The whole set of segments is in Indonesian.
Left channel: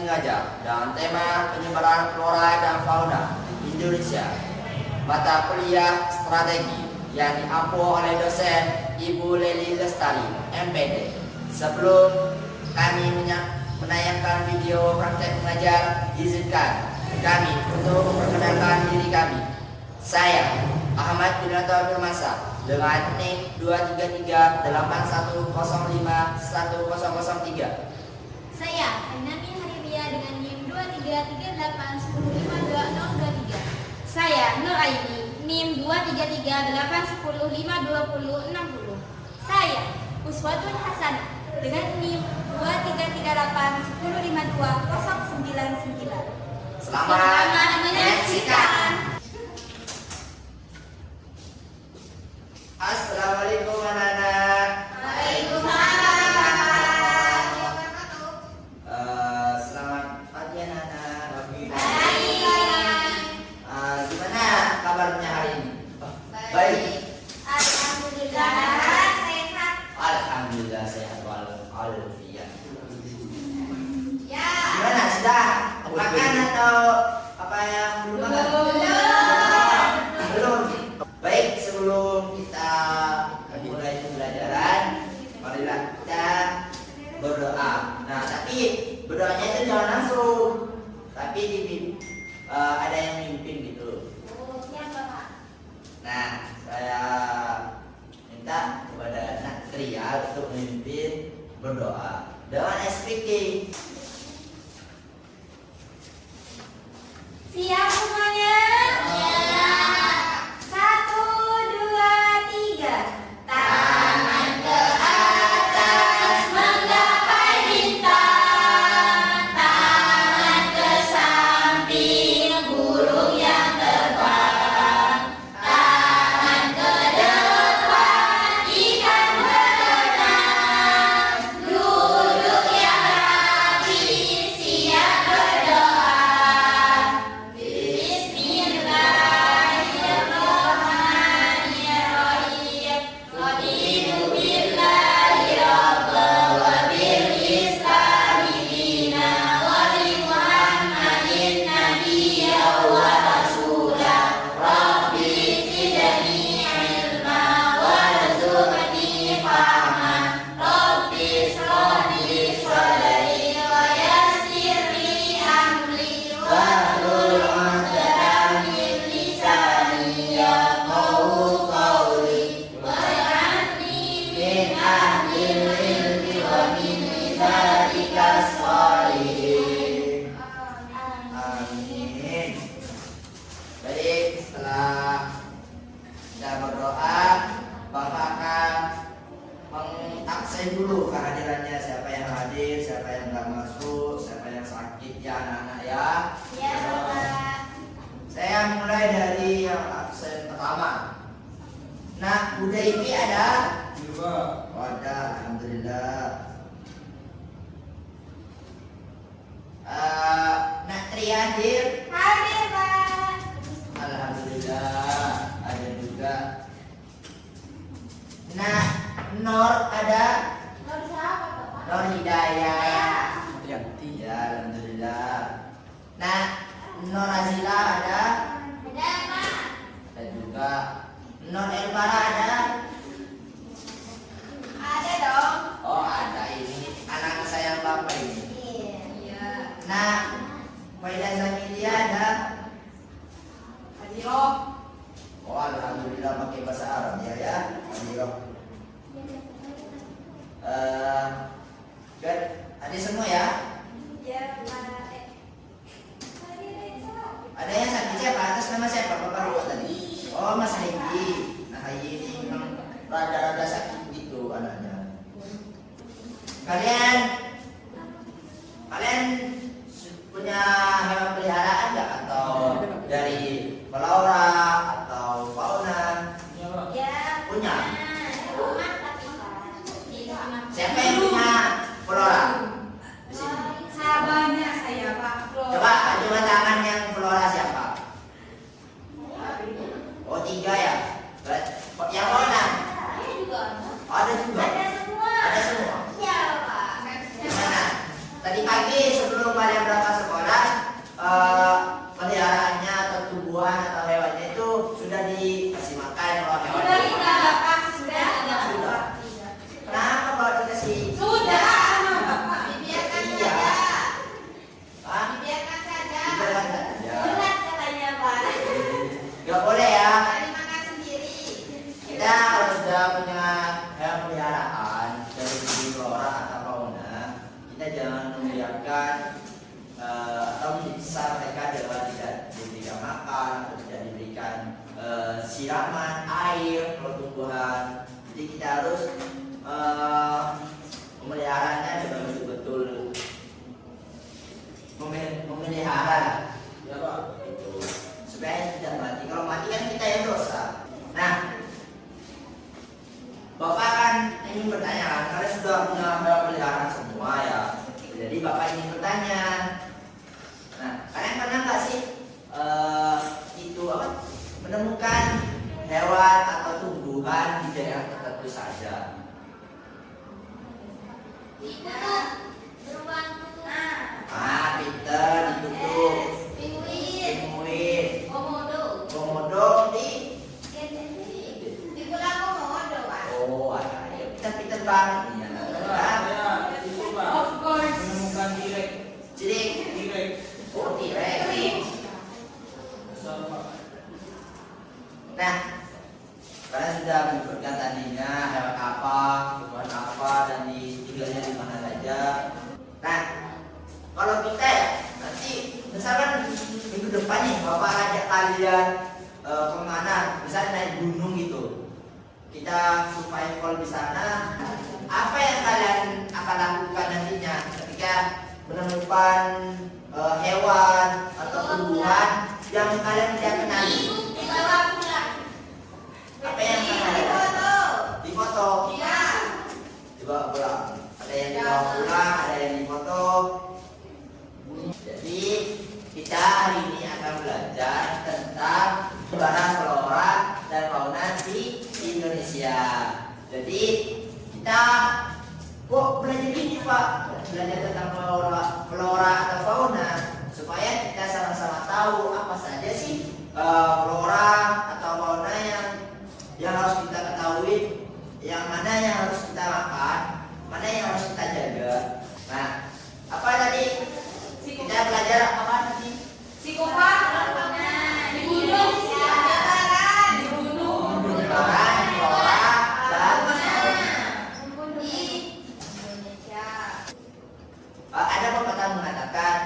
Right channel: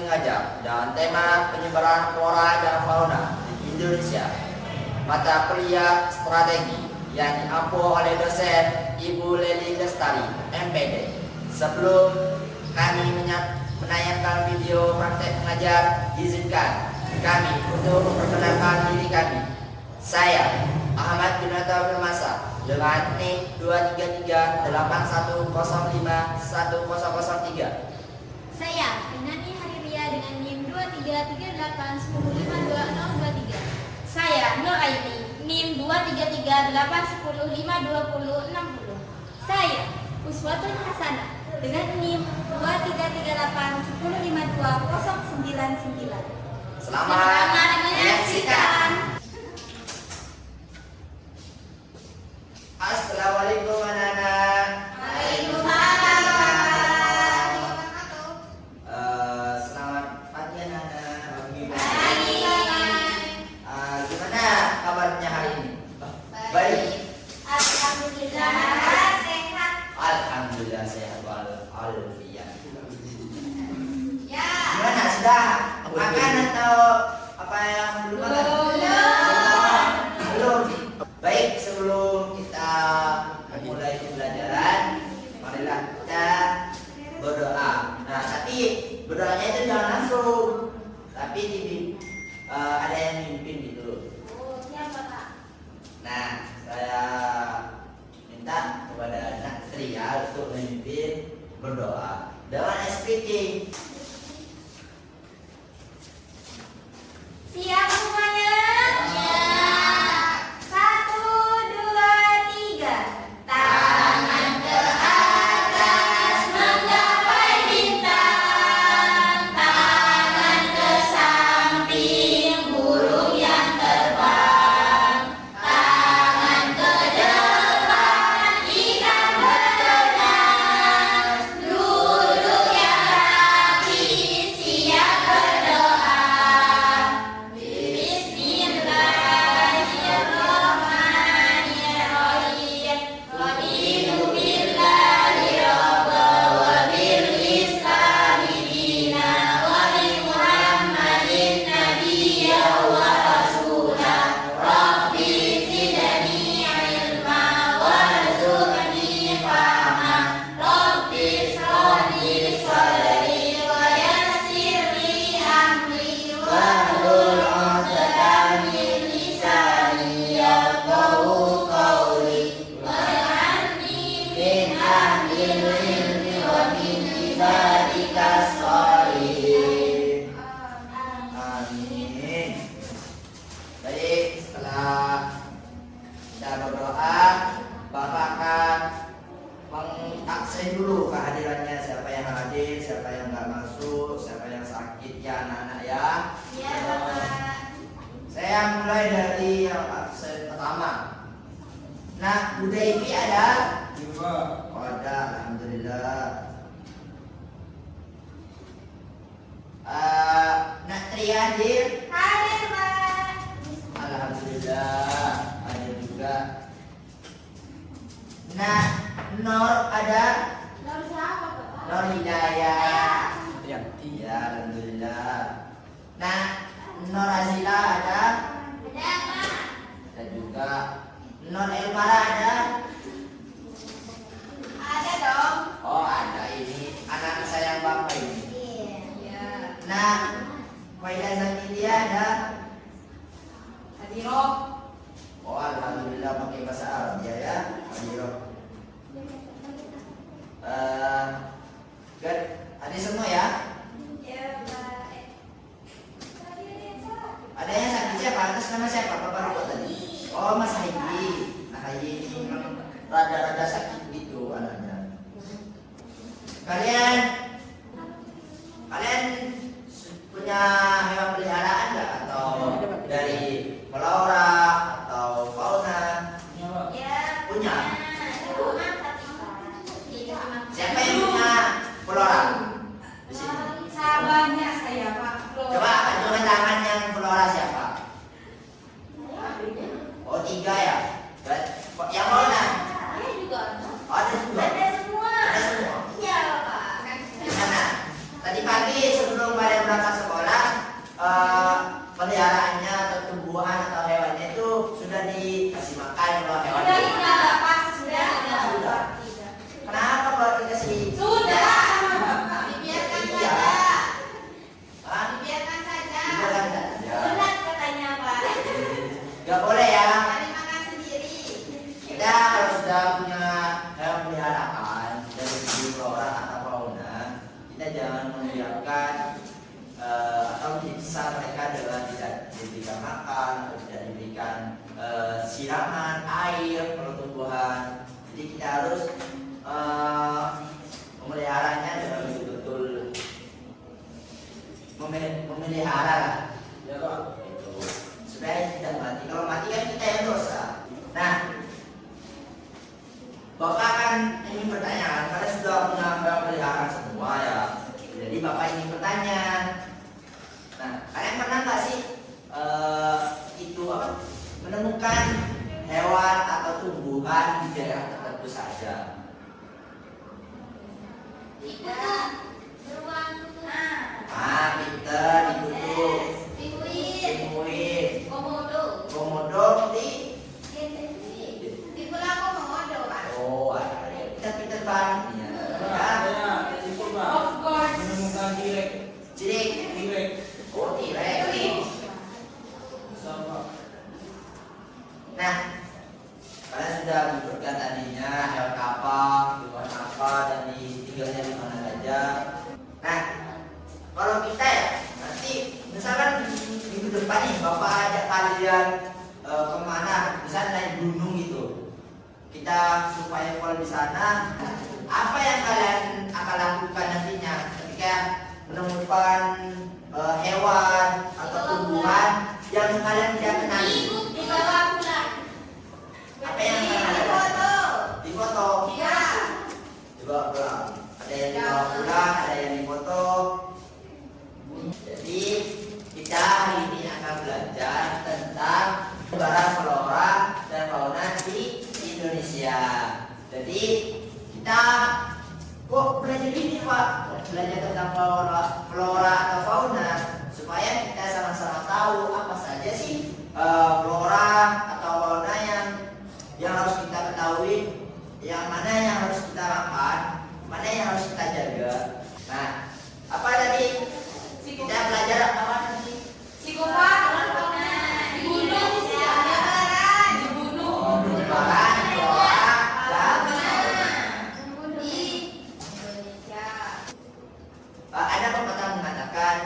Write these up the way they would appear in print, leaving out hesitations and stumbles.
mengajar dan tema penyebaran flora dan fauna di Indonesia. Mata kuliah strategi yang diampu oleh dosen Ibu Leli Lestari, MPD. Sebelum kami menayangkan video praktek mengajar, izinkan kami untuk memperkenalkan diri kami. Saya Ahmad Binato Firmasa dengan NIM 23381051003. Saya Ainani Hariria dengan NIM 23381052023. Saya Nur Aini NIM 23381105060. Saya Uswatun Hasanah dengan NIM 23381105299. Selamat menyaksikan. Assalamualaikum anak-anak. Waalaikumsalam. Selamat pagi anak-anak. Baik. Gimana kabarnya hari ini? Baik. Alhamdulillah sehat. Alhamdulillah sehat walafiat. Ya. Gimana sudah makan atau apa yang belum makan? Belum. Baik, sebelum kita memulai pembelajaran, marilah kita berdoa. Nah, tapi berdoanya itu jangan langsung, tapi ada yang mimpin gitu. Nah, saya minta kepada Nak Tria untuk memimpin berdoa dengan speaking. Siap semuanya? Ya. 1, 2, 3. Tangan ke atas menggapai bintang. Tangan ke samping burung yang terbang. Tangan ke depan ikan berenang. Duduk yang rapi siap berdoa. Bismillahirrahmanirrahim. Qadiru billahi rabbal wa bil islami dina wa bi Muhammadin nabiyya wa rasula. Rabbi zidni ilma warzuqni fahma. Rabbi shrah li sadri wa yassir li amri wahlul 'uqdatam min lisani yafqahu qawli waj'alni min ahlil ilmi wa min ibadikas shalihin. Amin. Baik, setelah kita berdoa, Bapak akan mengabsen dulu kehadirannya, siapa yang hadir, siapa yang nggak masuk, siapa yang sakit ya anak-anak ya. Ya, Bapak. Saya mulai dari yang absen pertama. Nah, Bunda Ivi ada? Oh, ada, alhamdulillah. Nak Tria hadir? Hadir, Pak. Alhamdulillah, ada juga. Nah, Nor ada? Nomor siapa, Bapak? Nor Hidayah. Yanti. Ya, alhamdulillah. Nah, Nor Azila ada? Ada, Pak. Ada juga. Nor Elvara ada? Ada dong. Oh, ada, ini anak sayang Bapak ini. Iya. Nah, Maida Zamilia ada? Hadiro. Oh, alhamdulillah pakai bahasa Arab ya. Adiro. Good. Ada semua ya? Ya, Pak. Ada yang sakit siapa? Atas nama siapa? Bapak lupa tadi. Oh, Mas Haji. Nah, Haji ini memang rada-rada sakit gitu anaknya. Kalian punya hewan peliharaan nggak? Atau dari flora atau fauna? Ya. Punya. Rumah tapi Siapa yang punya flora? Di sini. sahabatnya saya, Pak. Coba tunjukkan tangan yang flora siapa? Oh, 3 ya. Yang fauna? Ada juga. Oh, ada juga. Ada semua. Ada semua. Iya, Pak. Gimana? Tadi pagi sebelum kalian berangkat diberikan atau disiksa mereka dengan tidak diberikan makan atau tidak diberikan siraman air kalau tumbuhan. Jadi kita harus memeliharanya dengan betul-betul memelihara lah. Ya Pak. Itu supaya tidak mati. Kalau mati kan kita yang dosa. Nah, Bapak kan ingin bertanya, karena sudah punya peliharaan semua ya. Jadi Bapak ingin bertanya. Nah, kalian pernah nggak sih itu apa? Menemukan hewan atau tumbuhan di daerah tertentu saja? Tidak. Beruang putih. Peter di tubuh. Pinguin. Pinguin. Komodo. Komodo di. Di pulau komodo kan. Oh, ada ya. Peter banget nih ya. Of course. Menemukan Cilik. direk. Oh, T-Rex. Nah, kalian sudah menyebutkan tadinya hewan apa, tumbuhan apa, dan tinggalnya di mana saja. Nah, kalau kita ya, nanti misalkan minggu depan nih Bapak ajak kalian kemana, misalnya naik gunung gitu. Kita supaya kalau di sana, apa yang kalian akan lakukan nantinya ketika menemukan hewan atau tumbuhan yang kalian tidak kenali? Dibawa pulang. Apa yang kalian lakukan? Di foto. Iya. Dibawa pulang. Ada yang dibawa pulang, ada yang difoto. Jadi kita hari ini akan belajar tentang barang flora dan fauna di Indonesia. Jadi kita kok belajar ini Pak? Belajar tentang flora atau fauna supaya kita sama-sama tahu apa saja sih flora atau fauna yang harus kita ketahui, yang mana yang harus kita makan, mana yang harus kita jaga. Nah, apa tadi? Kita belajar apa tadi? Psikopat. Dibunuh. Dibunuh. Bahan, flora, dan ada pepatah mengatakan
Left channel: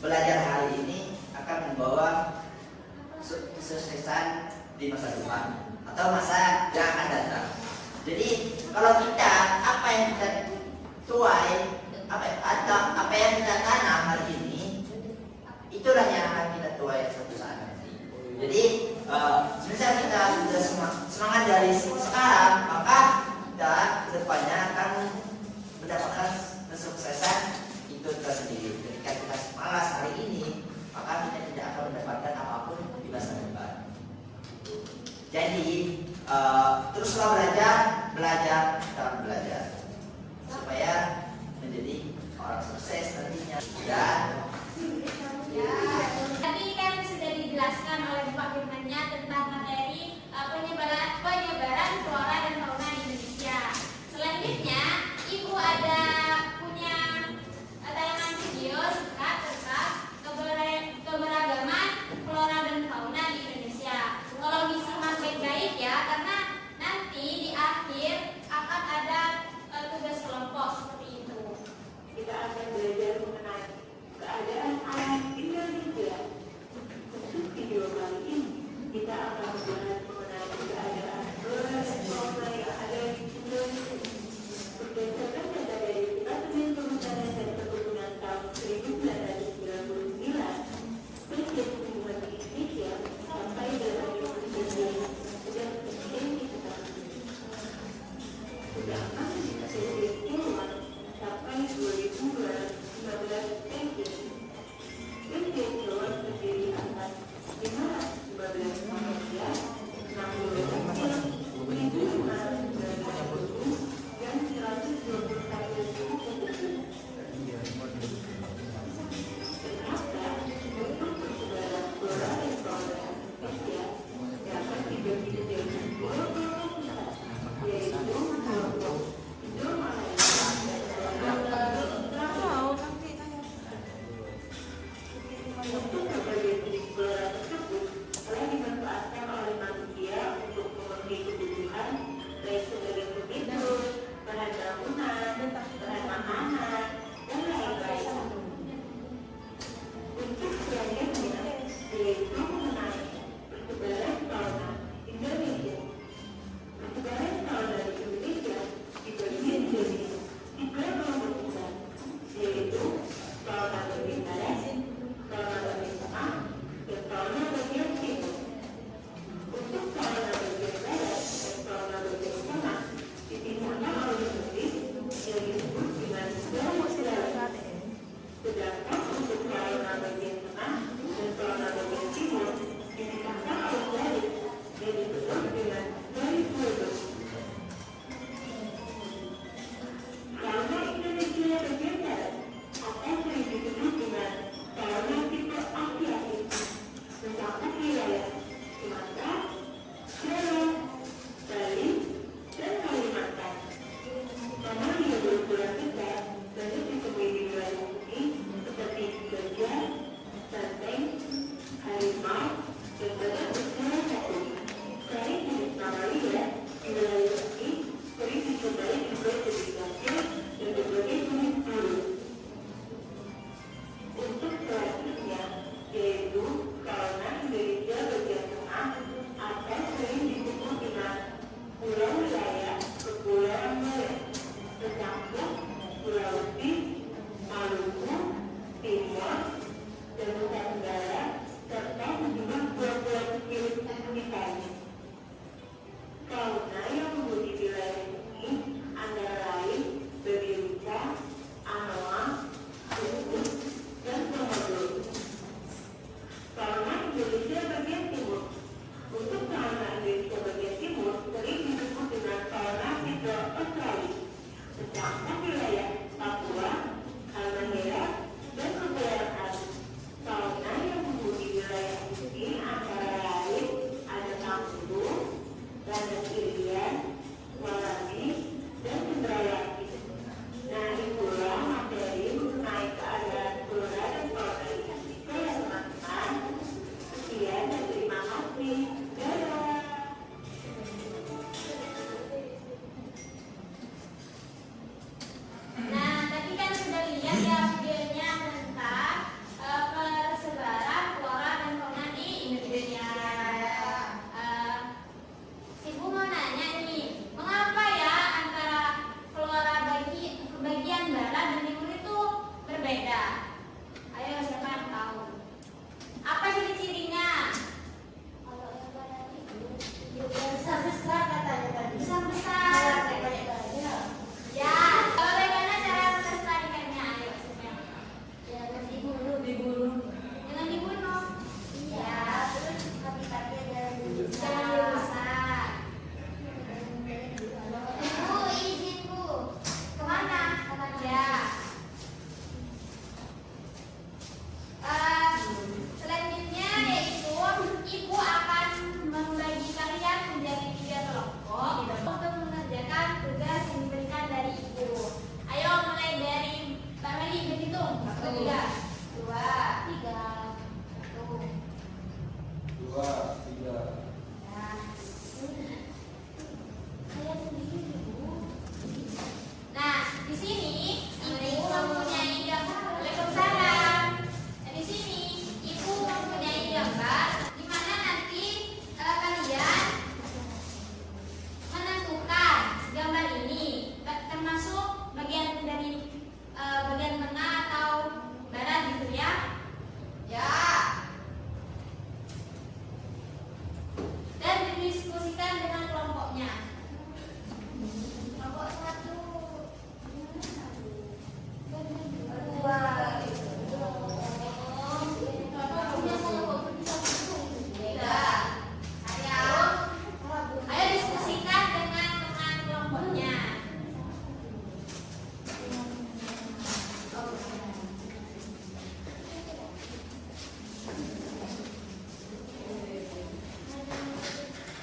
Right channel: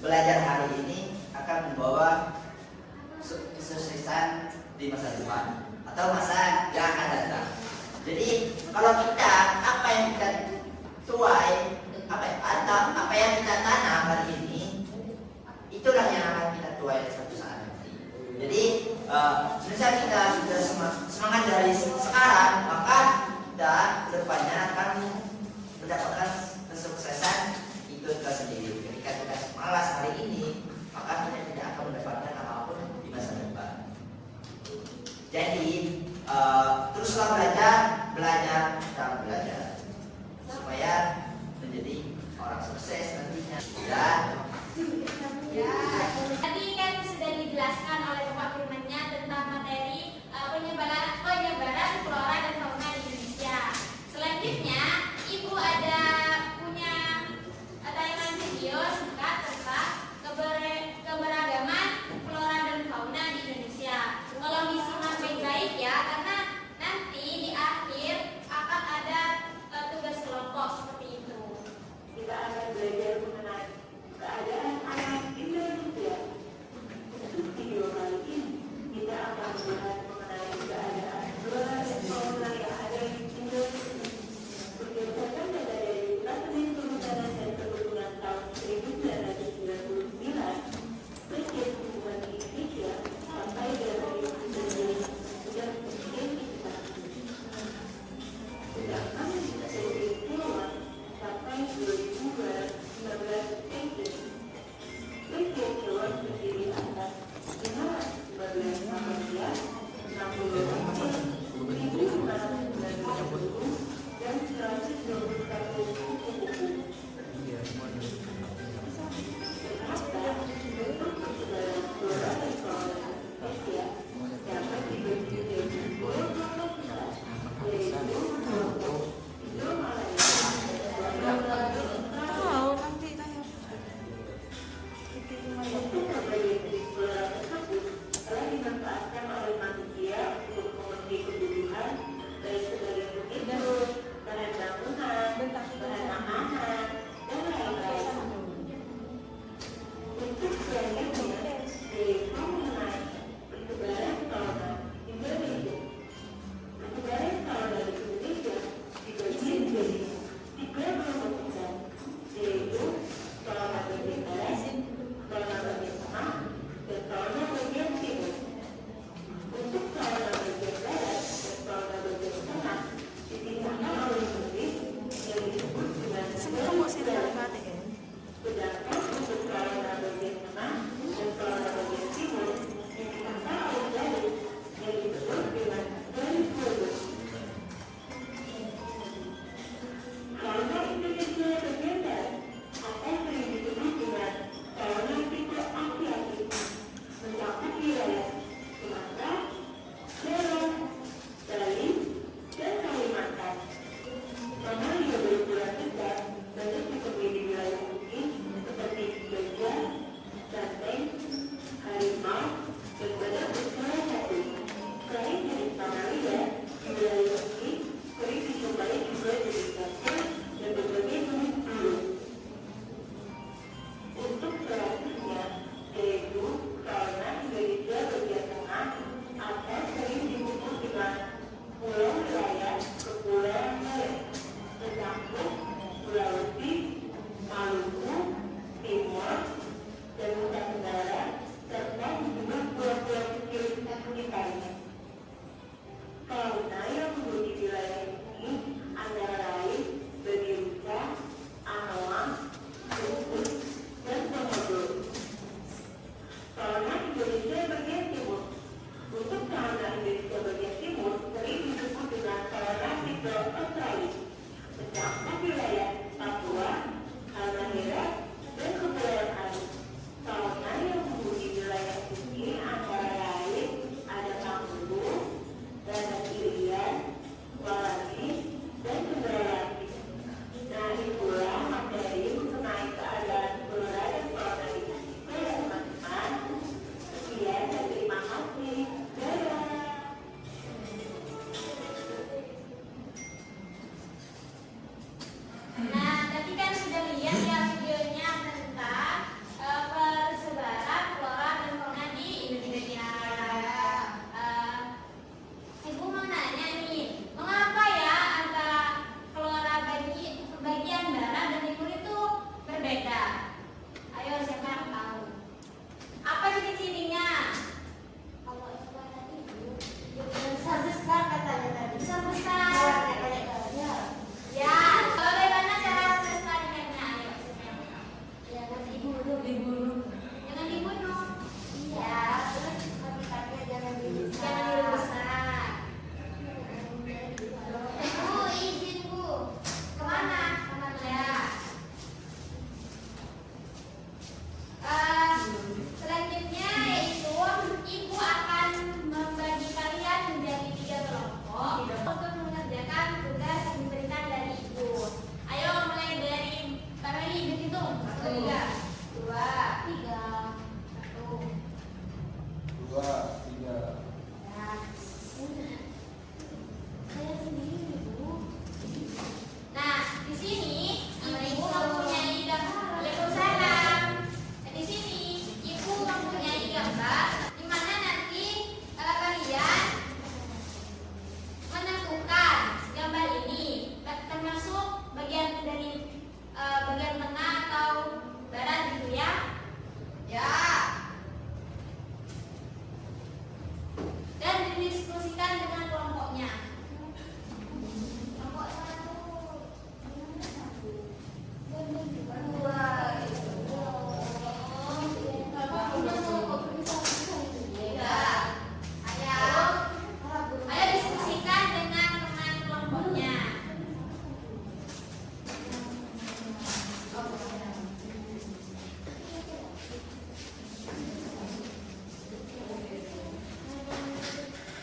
belajar hari ini akan membawa kesuksesan di masa depan atau masa yang akan datang. Jadi kalau kita apa yang kita tuai, apa yang kita tanam hari ini, itulah yang akan kita tuai suatu saat nanti. Jadi misal kita sudah semangat dari sekarang, maka kita kedepannya akan mendapatkan kesuksesan itu tersendiri. Ketika kita malas hari ini, maka kita tidak akan mendapatkan apapun di masa depan. Jadi teruslah belajar dan belajar supaya menjadi orang sukses nantinya. Dan Tadi kan sudah dijelaskan oleh Pak Gubernurnya tentang materi penyebaran flora dan fauna di Indonesia. Selanjutnya, Ibu ada punya tayangan video singkat tentang keberagaman flora dan fauna di Indonesia. Kalau disimak baik-baik ya, karena nanti di Fauna yang tumbuh di wilayah ini antara lain babirusa, anoa, usus, dan komodo. Fauna Indonesia bagian timur. Untuk fauna Indonesia bagian timur sering disebut dengan fauna Indo-Australis, termasuk wilayah Papua, Halmahera, dan Kepulauan Aru. Fauna yang tumbuh di wilayah ini antara lain ada kanguru, lalat irian, wallaby, dan cendrawasih. Nah, itulah materi mengenai keadaan flora dan fauna Indonesia ya teman-teman. Sekian dan terima kasih. Dadah. Nah, tadi kan sudah lihat ya videonya tentang persebaran flora dan fauna di Indonesia. Ibu mau nanya nih, mengapa ya antara flora bagian barat dan timur itu berbeda? Ayo, siapa yang tahu? Apa ciri-cirinya? Besar katanya tadi. Besar. Ya, bagaimana cara melestarikannya? Ayo, siapa yang tahu? Jangan dibunuh. Jangan dibunuh. Iya, terus habitatnya jangan dirusak. Bu, izin Bu. Kemana? Ya. Selanjutnya yaitu Ibu akan membagi kalian menjadi 3 kelompok untuk mengerjakan tugas yang diberikan dari Ibu. Ayo mulai dari Mbak Meli, berhitung. 1, 2, 3, 1. 2, 3. Nah, di sini Ibu mempunyai gambar. Waalaikumsalam. Nah, di sini Ibu mempunyai gambar di mana nanti kalian menentukan gambar ini termasuk bagian dari bagian tengah atau barat gitu ya. Ya. Dan didiskusikan dengan kelompoknya. Kelompok 1. 2. Ayo diskusikan dengan kelompoknya.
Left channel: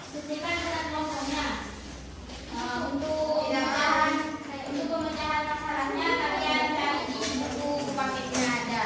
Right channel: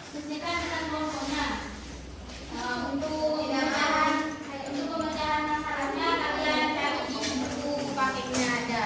Diskusikan dengan kelompoknya. Untuk pemecahan masalahnya kalian cari di buku paketnya ada.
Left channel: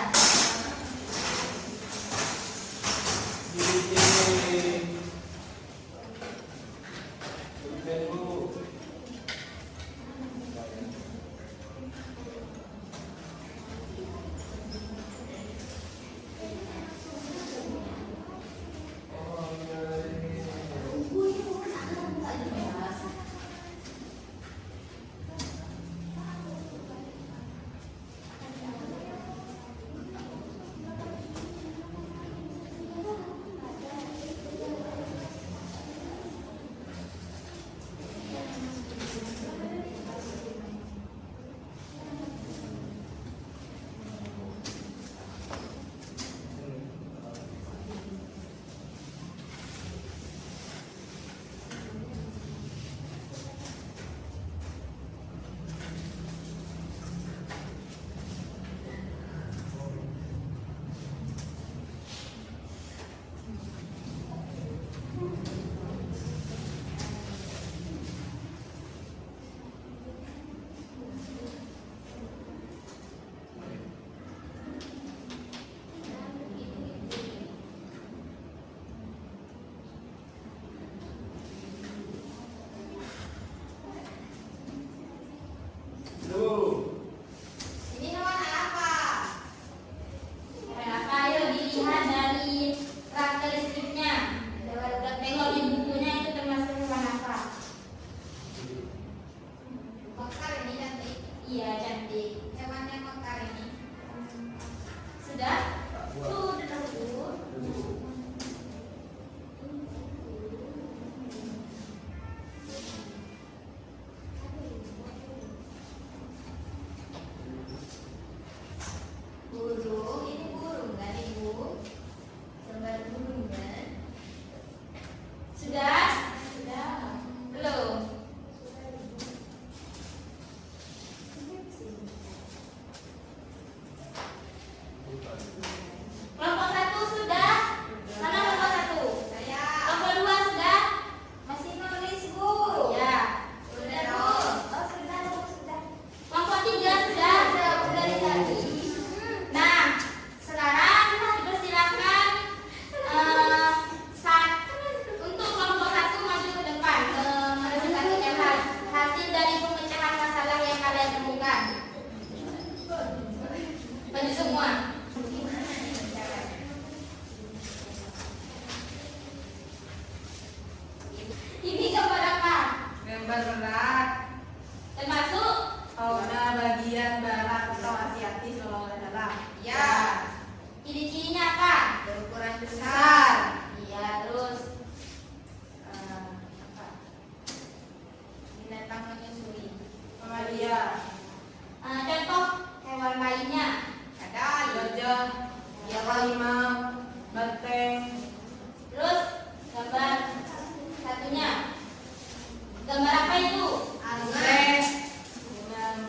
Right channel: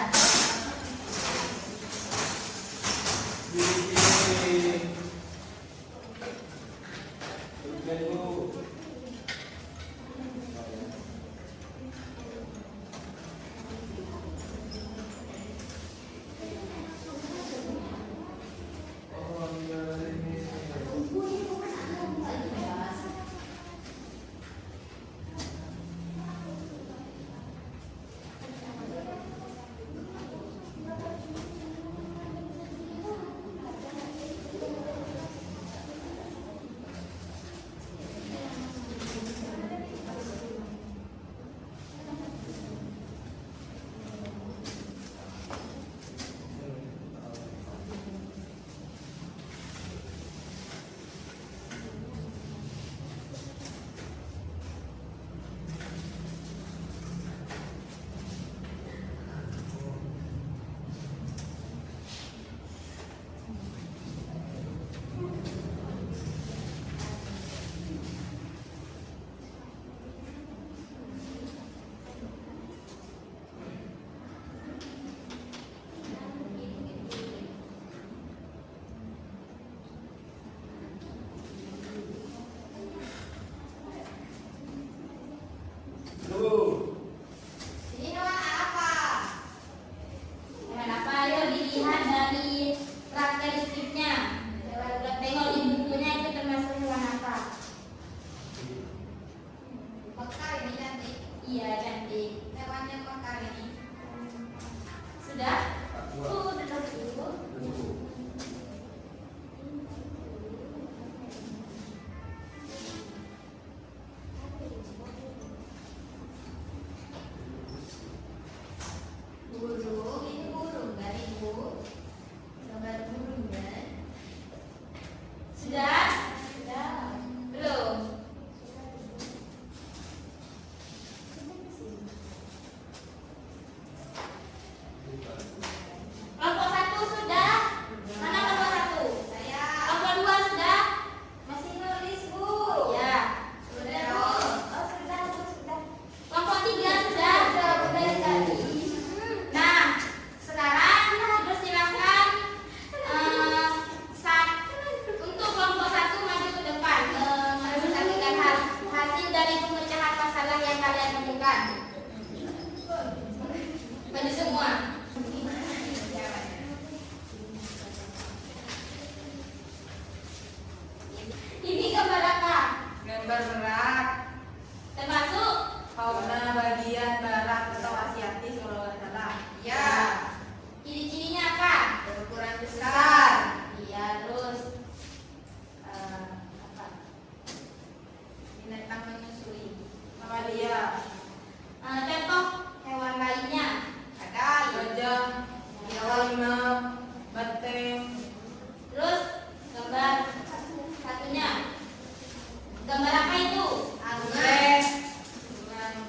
Gambar apa itu? Anggrek.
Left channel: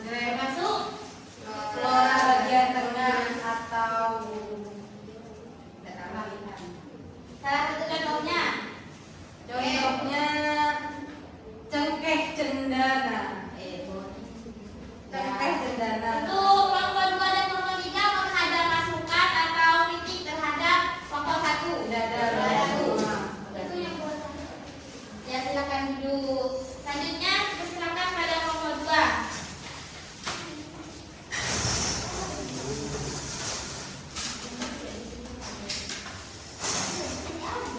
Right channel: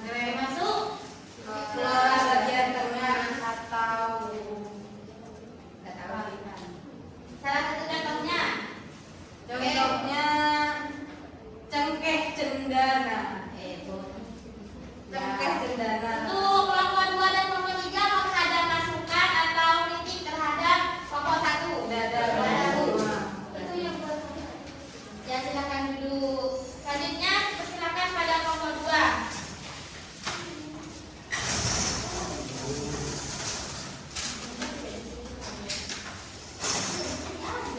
Termasuk Flora bagian tengah atau salah satu contohnya. contohnya cengkeh cendana. Cengkeh cendana. Untuk kelompok 2 dan kelompok 3 apakah ada masukan atau kritik terhadap kelompok 1? Dada. Itu yang buat saya. Ya silakan duduk. Selanjutnya silakan pada kelompok 2.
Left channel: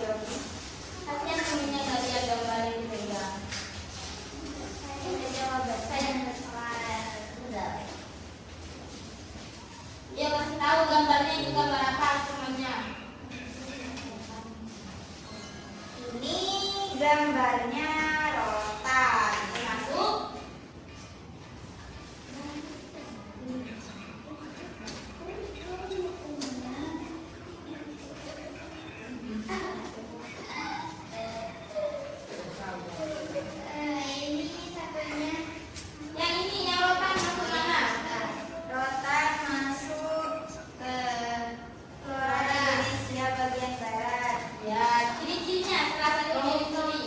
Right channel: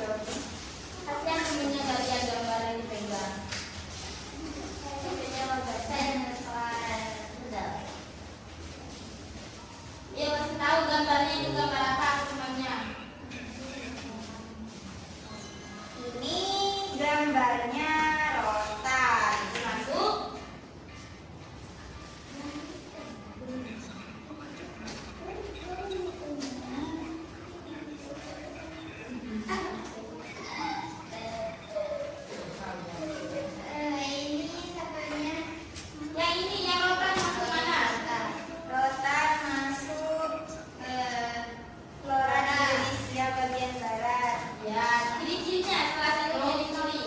Kasihan temennya tadi ada gambar yang dipegang. Dia kasih tahu gambarnya itu gambar apa semuanya. Ini gambarnya rotan. Termasuk Ini satunya yang ini yang rotan masuk mana? rotan masuk ke flora di Indonesia bagian barat. Ya, ciri-cirinya salah satu ciri-ciri.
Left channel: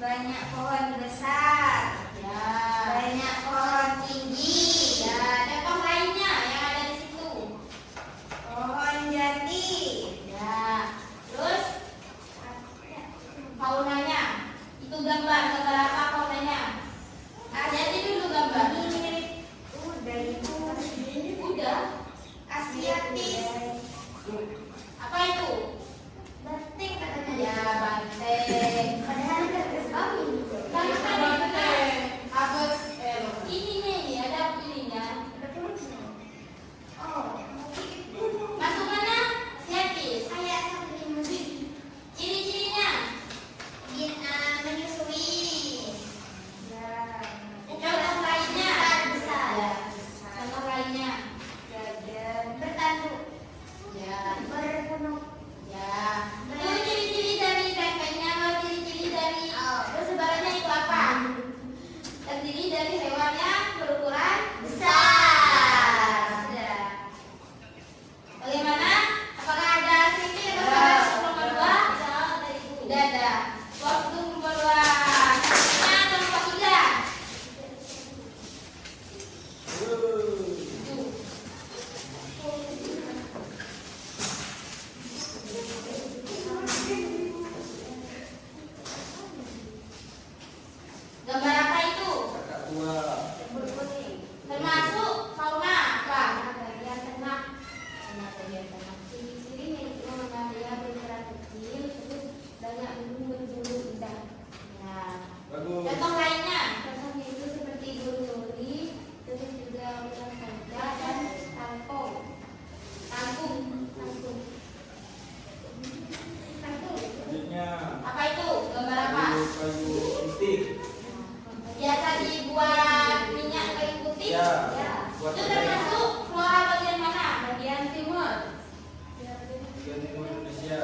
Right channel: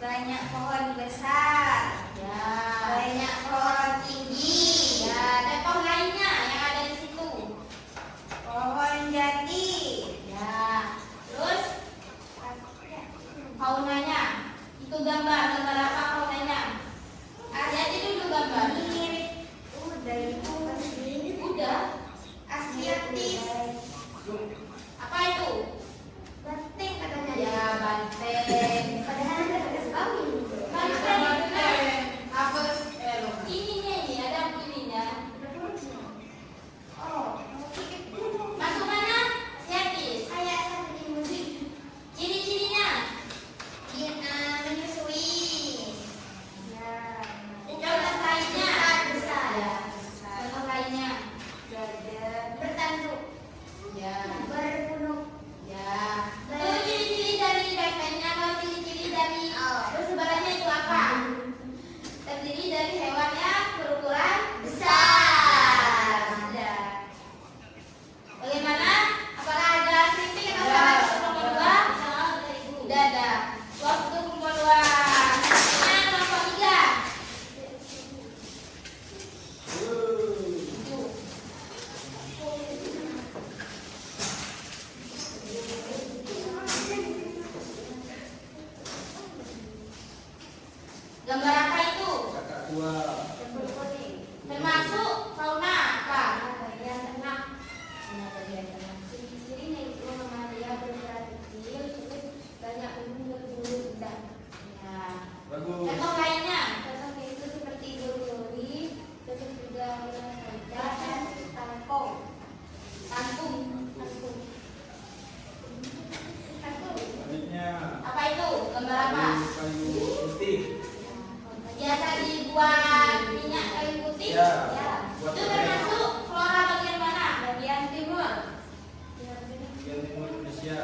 Banyak pohon besar, Ya, banyak pohon tinggi, ya, ada pohon lainnya yang ada di situ. pohon jati, Ya, terus faunanya itu gambar apa faunanya? Lihat dulu gambar. mirip udah itu Udah. asiatis, Apa itu? penting katanya. Ya, banteng. Padahal ada sekali. Banteng. Ininya ini ada ininya. Ada perutnya. Oh, Masuk mana? Siapis. kayak seperti musik. Ciri-cirinya. Menyusui. Ya. Contoh lainnya. Besar. Ya, contoh lainnya. Gajah bertanduk, Ya, berpenuh. ya. Itu ciri-ciri dari bantengnya atau ciri-ciri dari persebarannya itu apa? Terdiri dari hewan yang berukuran besar. Ya. Bagaimana? Apakah ada kritik atau salah kelompok 2? Tidak ada. Waktu kelompok 2. Selanjutnya kelompok 3. Tujuh. Gambar apa itu? Kakak tua. Termasuk fauna apa? Bagian tengah. Ciri-cirinya itu dia berukuran kecil, terus banyak bulu indah. Ya. Bagus. Contoh lainnya. Contohnya itu seperti duri, terus juga saja dan kangkung. Kangkung. Kangkung. Selanjutnya. Apa itu? Gambar apa? Kayu putih. Biasa dibuat minyak kayu putih. Ya. Ya. Buat Itu apa? termasuk flora bagian mana? Bagian timur. Timur Indonesia.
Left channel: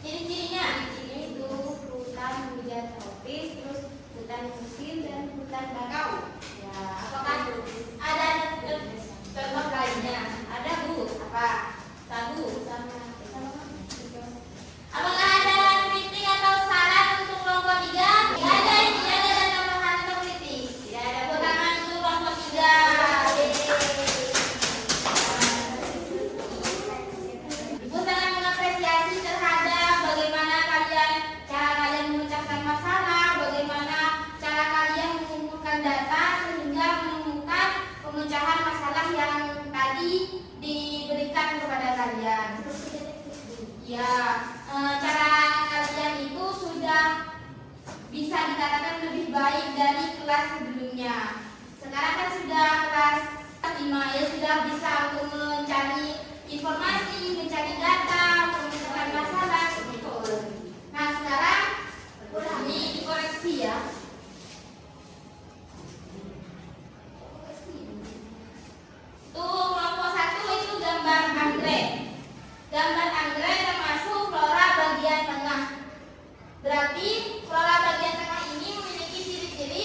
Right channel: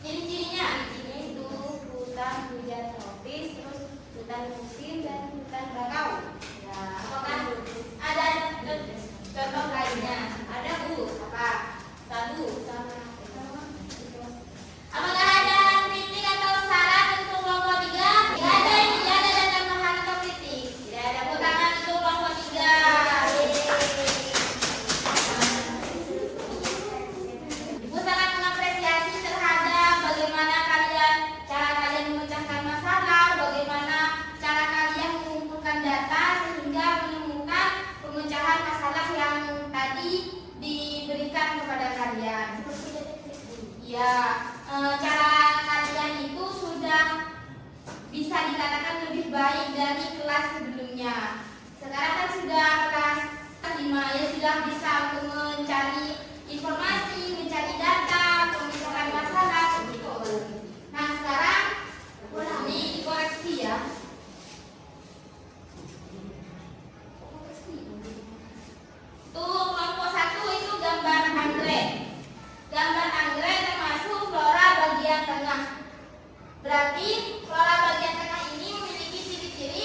Ciri-cirinya. Ini itu hutan hujan tropis, terus hutan musim dan hutan bakau. Ya. Apakah ada contoh lainnya? Ada Bu. Apa? Sagu. Apakah ada kritik atau saran untuk kelompok 3? Tidak ada, tidak ada tambahan atau kritik. Tidak ada. Tepuk tangan untuk kelompok 3. Ibu sangat mengapresiasi terhadap bagaimana cara kalian memecahkan masalah, bagaimana cara kalian mengumpulkan data sehingga menemukan pemecahan masalah yang tadi diberikan kepada kalian. Ya, cara kalian itu sudah bisa dikatakan lebih baik dari kelas sebelumnya. Sekarang kan sudah kelas 5 ya, sudah bisa untuk mencari informasi, mencari data, memecahkan masalah begitu. Nah sekarang ini dikoreksi ya. Tuh kelompok 1 itu gambar anggrek. Gambar anggrek termasuk flora bagian tengah. Berarti flora bagian tengah ini memiliki ciri-ciri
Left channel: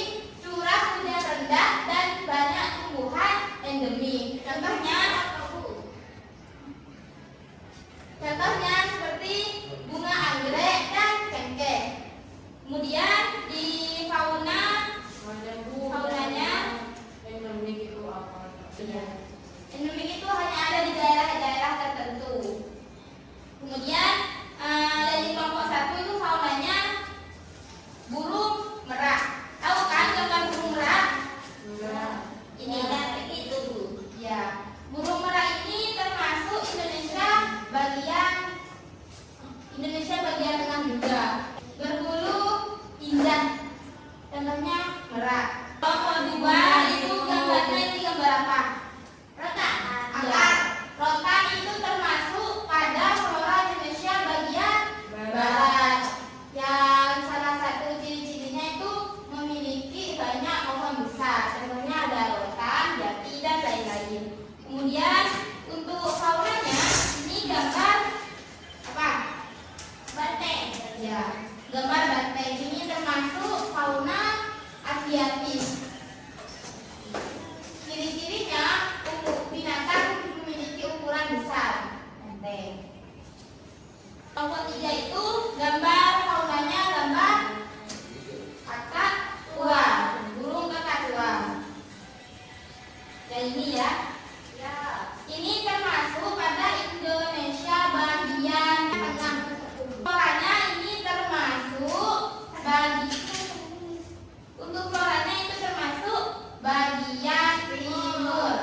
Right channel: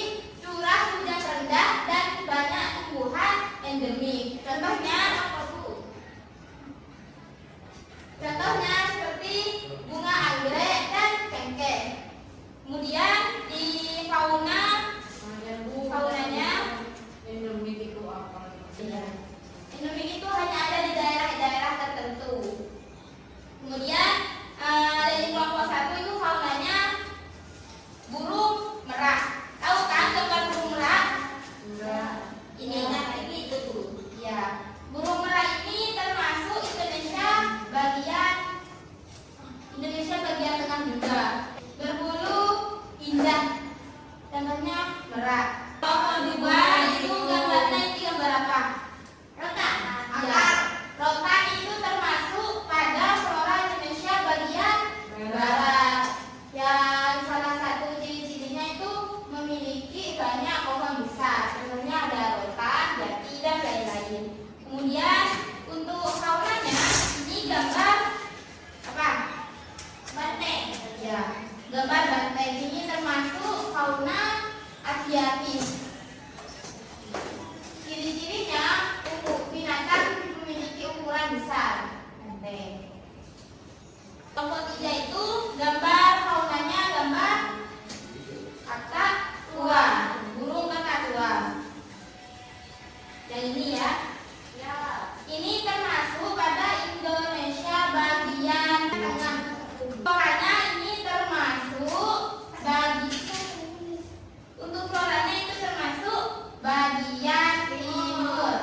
Berat. Kelompok kedua itu gambarnya itu gambar apa? Rotan. Rotan itu termasuk pada flora Indonesia bagian barat. Yang salah satu ciri-cirinya itu memiliki banyak pohon besar. Contohnya ada rotan, jati, dan lain-lain. Kemudian untuk faunanya ini gambar apa? Banteng. Ya, gambar banteng ini termasuk fauna Asiatis. Ciri-cirinya untuk binatang memiliki ukuran besar. Banteng. Kelompok 3 itu gambar faunanya gambar kakatua, burung kakatua. Dan ini ya. Ini termasuk pada Indonesia bagian tengah. Floranya ini termasuk untuk floranya itu termasuk bagian timur.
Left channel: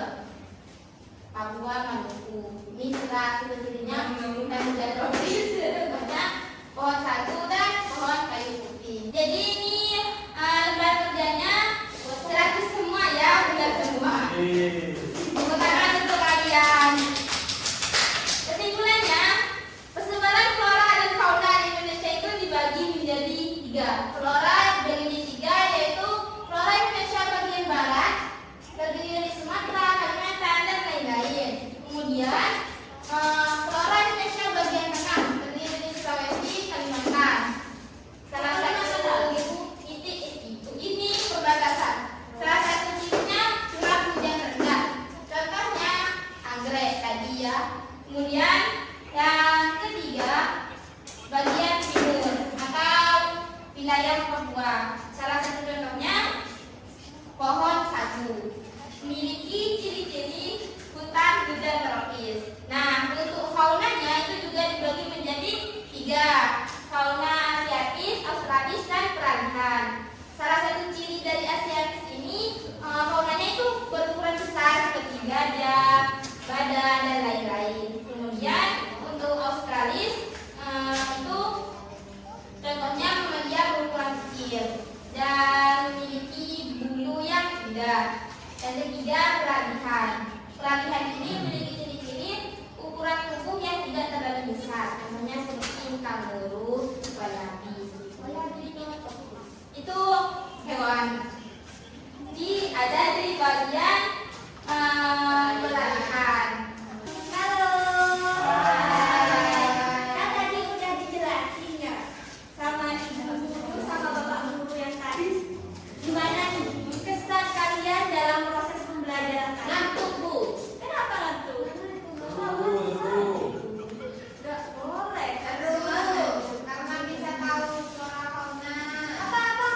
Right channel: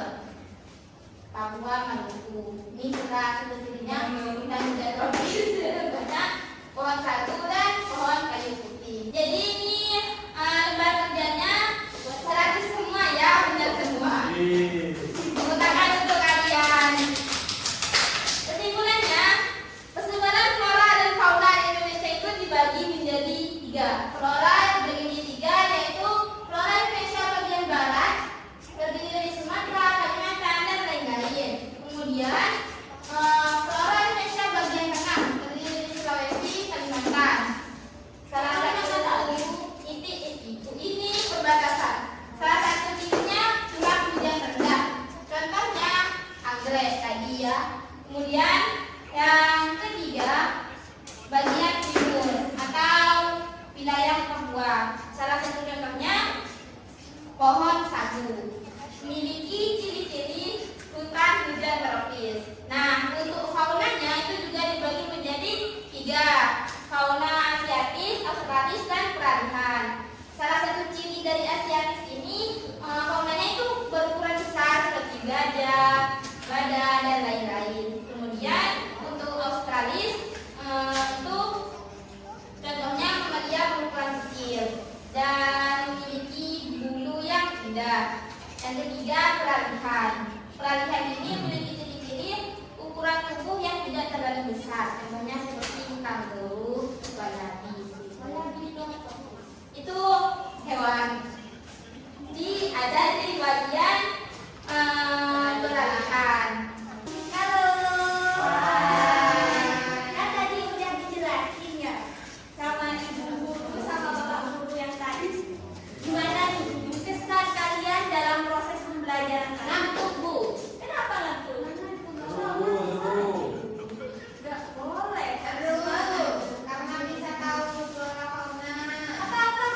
Papua, Maluku. Ini juga sebetulnya bukan hujan tropis, banyak pohon sagu dan pohon kayu putih. Jadi ini lembar kerjanya gratis semua ya, benar semua. Bukan untuk kalian. Kesimpulannya, persebaran flora dan fauna di Indonesia itu dibagi menjadi 3. Flora dibagi menjadi 3, yaitu flora Indonesia bagian barat, terdiri dari Sumatera, Kalimantan, dan lain-lain. Kemudian flora Indonesia bagian tengah, terdiri dari Sulawesi, Kalimantan. Salah satu titik itu ini perbatasan. Salah satu titiknya curah hujan rendah. Contohnya anggrek tadi ya. Kemudian yang ketiga bagian timur atau wilayah Papua. Salah satu contohnya pohon sagu. Memiliki ciri-ciri hutan hujan tropis. Nah, untuk faunanya itu juga dibagi menjadi 3. Fauna Asiatis, Australis, dan peralihan. Salah satu ciri dari Asiatis ini faunanya itu berukuran besar seperti gajah, badan, dan lain-lain. Kemudian untuk Australis itu contohnya dia berukuran kecil dan memiliki bulu yang indah. Yang ketiga peralihan. Peralihan ini memiliki ciri-ciri ukuran tubuh yang tidak terlalu besar. Contohnya seperti kanguru, wallaby. Itu hewan. Jadi ada di bagian peralihan. Halo. Kan tadi udah dijelasin ya sama ibu guru sama bapak guru yang tadi. Gimana nih kesan kalian dalam proses pembelajaran kalian? Ngantuk, Bu. Kenapa ngantuk? Gak boleh. Karena bisa tahu flora fauna. Apa-apa?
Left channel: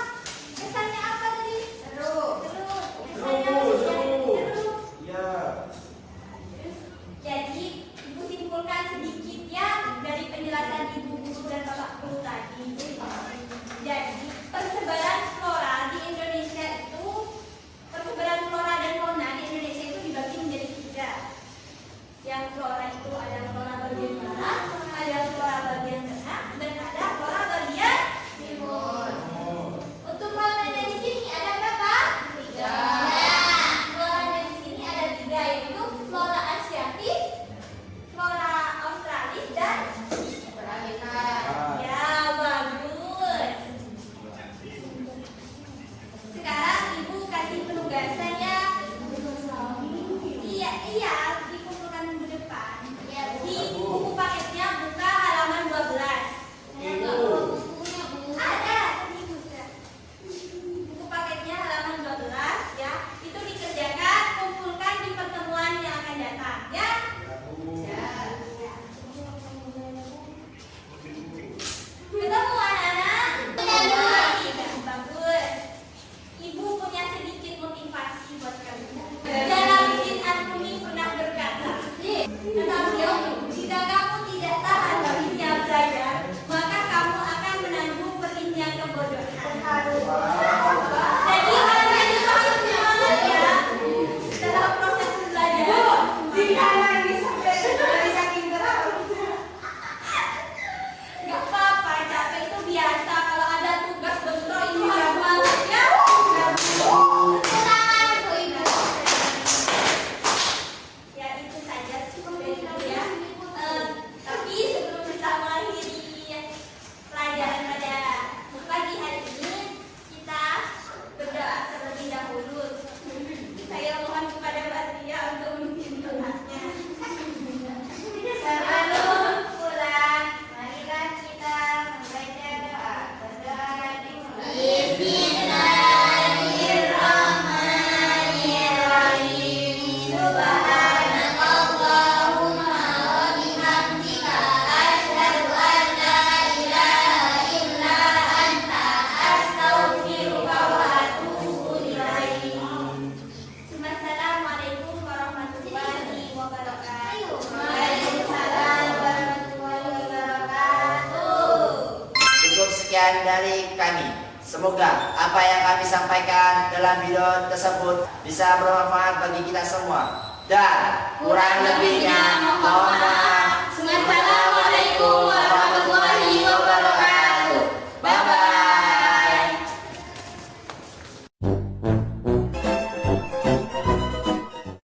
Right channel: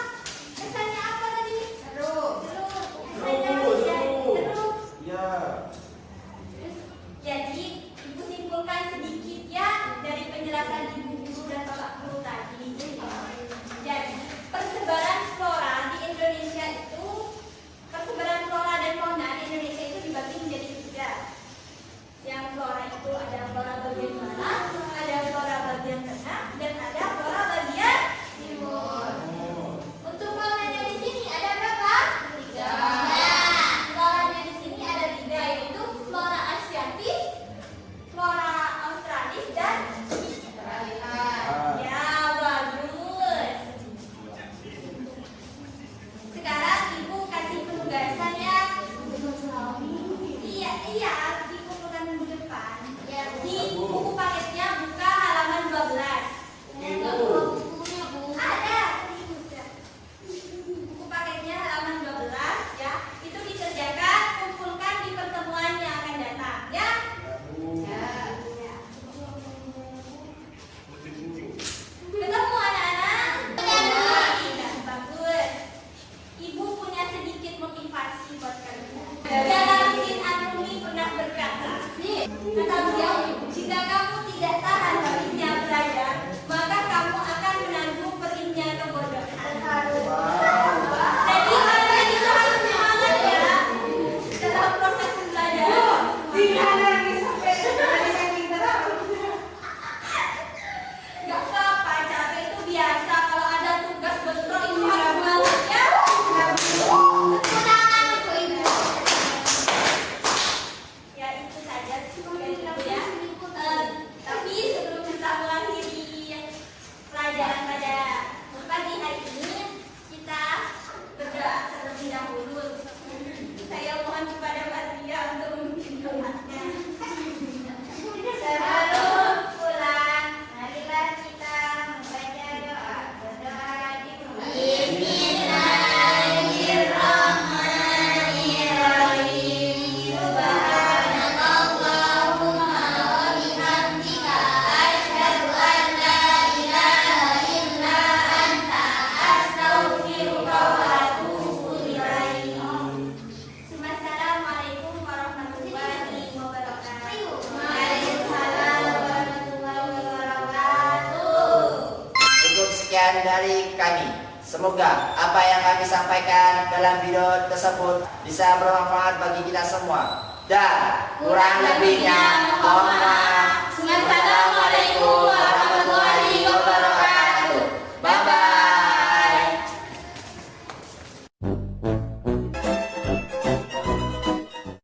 sekian dari kami. Semoga apa yang kami sampaikan dalam video tersebut bisa bermanfaat bagi kita semua. Dan kurang lebihnya mohon maaf. Wassalamualaikum warahmatullahi wabarakatuh. Bye bye.